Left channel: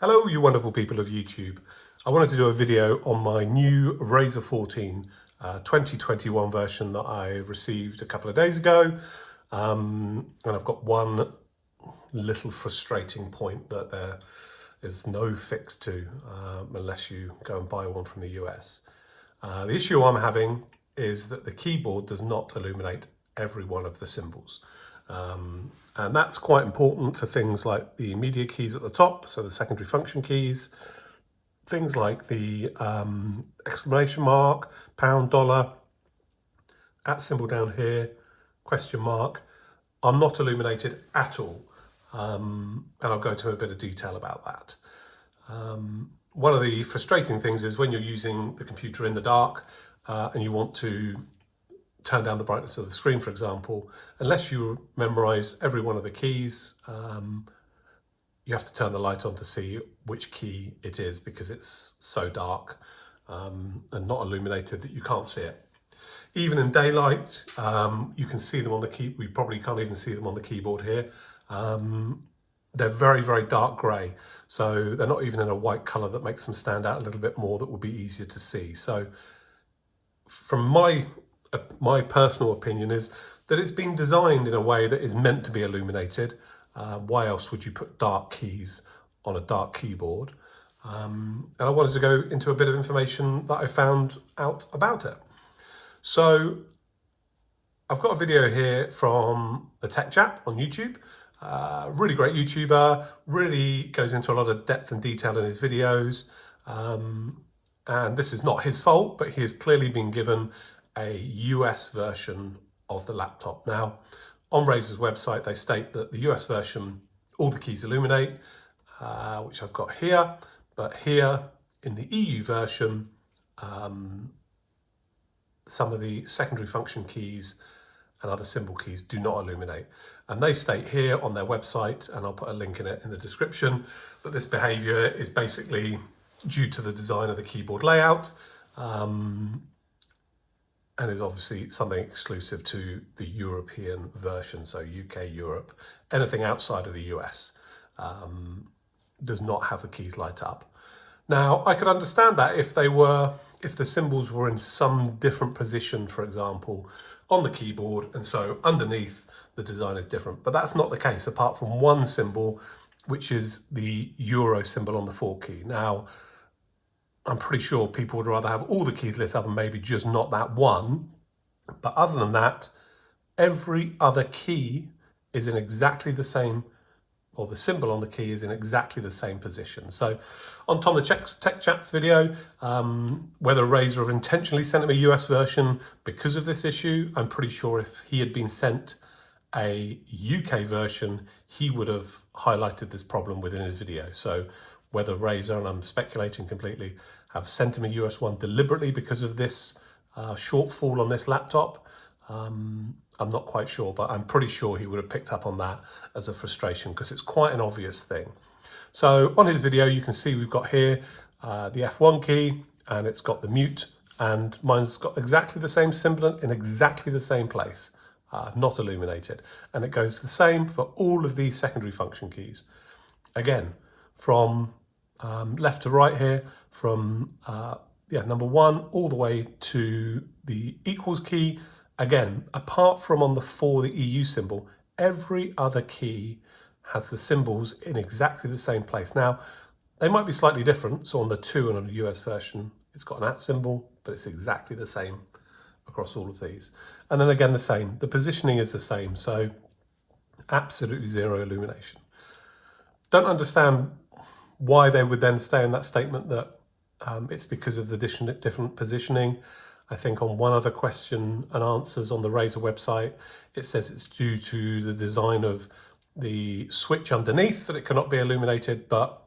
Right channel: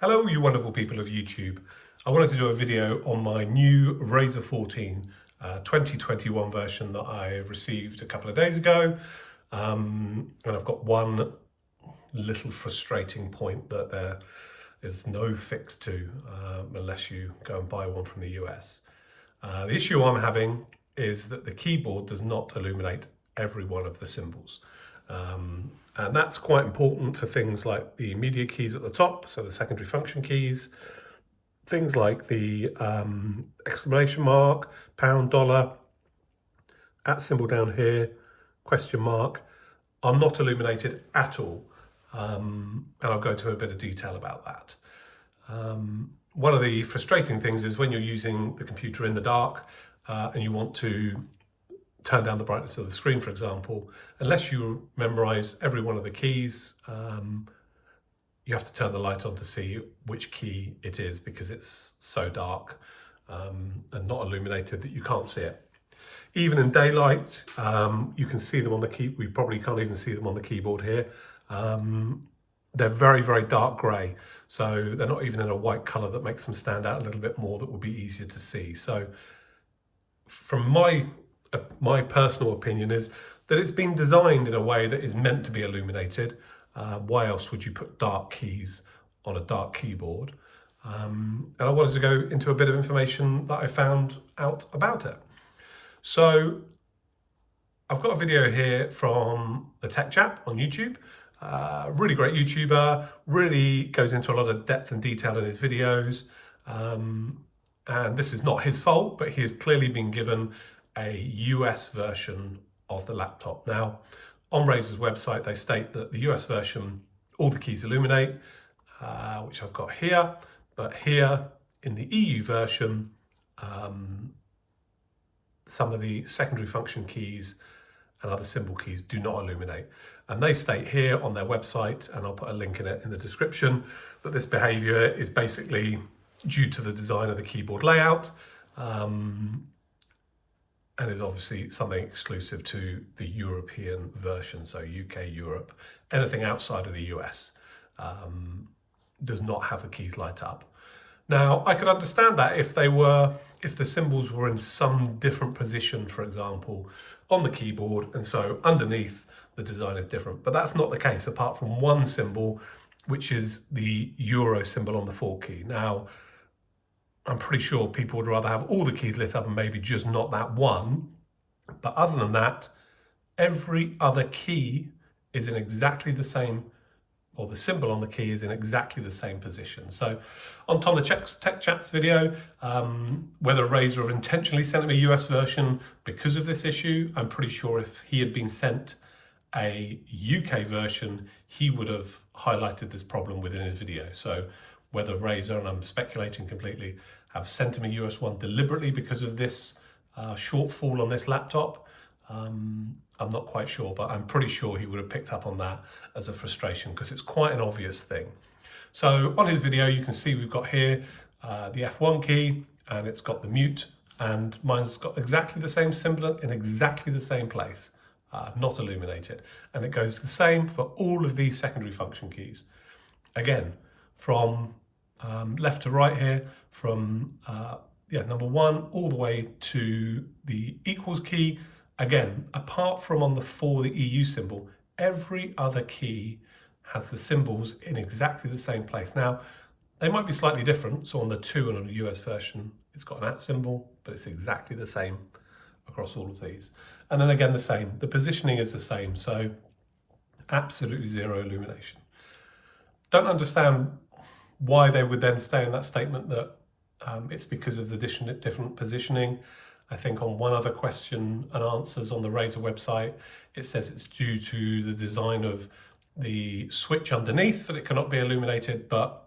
Hello, you wonderful people of YouTube. I wanted to do a video on my new Razer 14 2021 version that I received a couple of days ago. And I've got one little frustrating point that there is no fix to unless you go and buy one from the US. The issue I'm having is that the keyboard does not illuminate every one of the symbols. And that's quite important for things like the media keys at the top, so the secondary function keys, things like the exclamation mark, pound, dollar, @ symbol down here, question mark, are not illuminated at all. And I'll go into a bit of detail about that. One of the frustrating things is when you're using the computer in the dark and you want to turn down the brightness of the screen, for example, unless you memorize every one of the keys, you have to turn the light on to see which key it is because it's so dark and not illuminated that you can't see it. Even in daylight, you can see them on the key. We probably can't even see them on the keyboard here. They're very, very dark grey. So they're not even in a white colour that makes them stand out a little bit more, that would be easier to see. So from my personal opinion is that it's been designed in a way that is meant to be illuminated. Why else would you put dark keys on a dark keyboard? And I wanted to go into a bit of information that I found out about it. So I've got a video here from the Tech Chap on YouTube. Really great YouTuber, really goes into a lot of depth and detail in his videos. And this is not his fault, but he has clearly been given a US version of the laptop. Now, on Razer's website, they state that the US version, all the keys illuminate, which I've got here, but here in the EU version, some of the secondary function keys and other symbol keys do not illuminate. And they state here on their website, and I'll put a link in it in the description, that this behavior is basically due to the design of the keyboard layout, and is obviously something exclusive to the European version, so UK, Europe. Anything outside of the US does not have the keys light up. Now, I could understand that if the symbols were in some different position, for example, on the keyboard, and so underneath the design is different. But that's not the case, apart from one symbol, which is the Euro symbol on the 4 key. Now, I'm pretty sure people would rather have all the keys lit up and maybe just not that one. But other than that, every other key is in exactly the same, or the symbol on the key is in exactly the same position. So on Tom the Tech Chap's video, whether Razer have intentionally sent him a US version because of this issue, I'm pretty sure if he had been sent a UK version, he would have highlighted this problem within his video. So whether Razer, and I'm speculating completely, have sent him a US one deliberately because of this shortfall on this laptop, I'm not quite sure, but I'm pretty sure he would have picked up on that as a frustration because it's quite an obvious thing. So on his video, you can see we've got here the F1 key, and it's got the mute, and mine's got exactly the same symbol in exactly the same place, not illuminated. And it goes the same for all of these secondary function keys. Again, from left to right here, from number 1 all the way to the equals key. Again, apart from on the 4, the EU symbol, every other key has the symbols in exactly the same place. Now, they might be slightly different. So on the 2 and on the US version, it's got an @ symbol, but it's exactly the same across all of these. And then again, the same. The positioning is the same. So absolutely zero illumination. Don't understand why they would then stay in that statement that it's because of the different positioning. I think on one other question and answers on the Razer website, it says it's due to the design of the switch underneath that it cannot be illuminated, but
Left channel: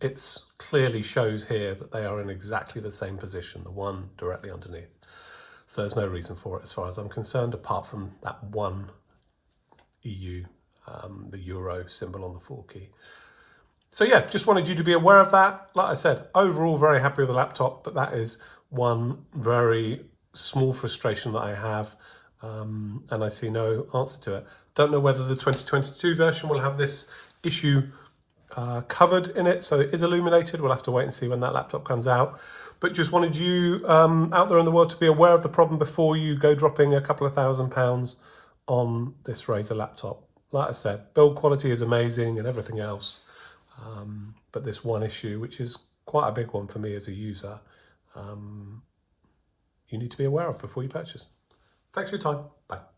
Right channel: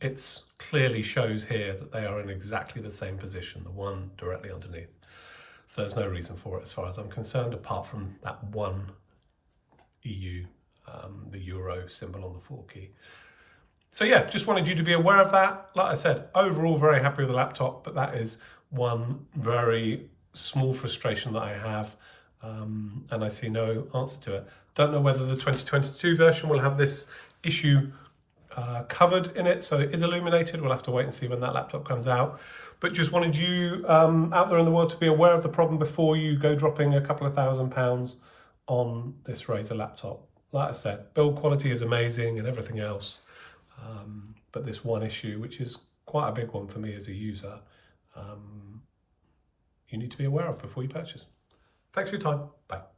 it's clearly shows here that they are in exactly the same position, the one directly underneath. So there's no reason for it as far as I'm concerned, apart from that one EU, the Euro symbol on the 4 key. So yeah, just wanted you to be aware of that. Like I said, overall very happy with the laptop, but that is one very small frustration that I have, and I see no answer to it. Don't know whether the 2022 version will have this issue covered in it, so it is illuminated. We'll have to wait and see when that laptop comes out. But just wanted you out there in the world to be aware of the problem before you go dropping a couple of £1,000s on this Razer laptop. Like I said, build quality is amazing and everything else, but this one issue, which is quite a big one for me as a user, you need to be aware of before you purchase. Thanks for your time. Bye.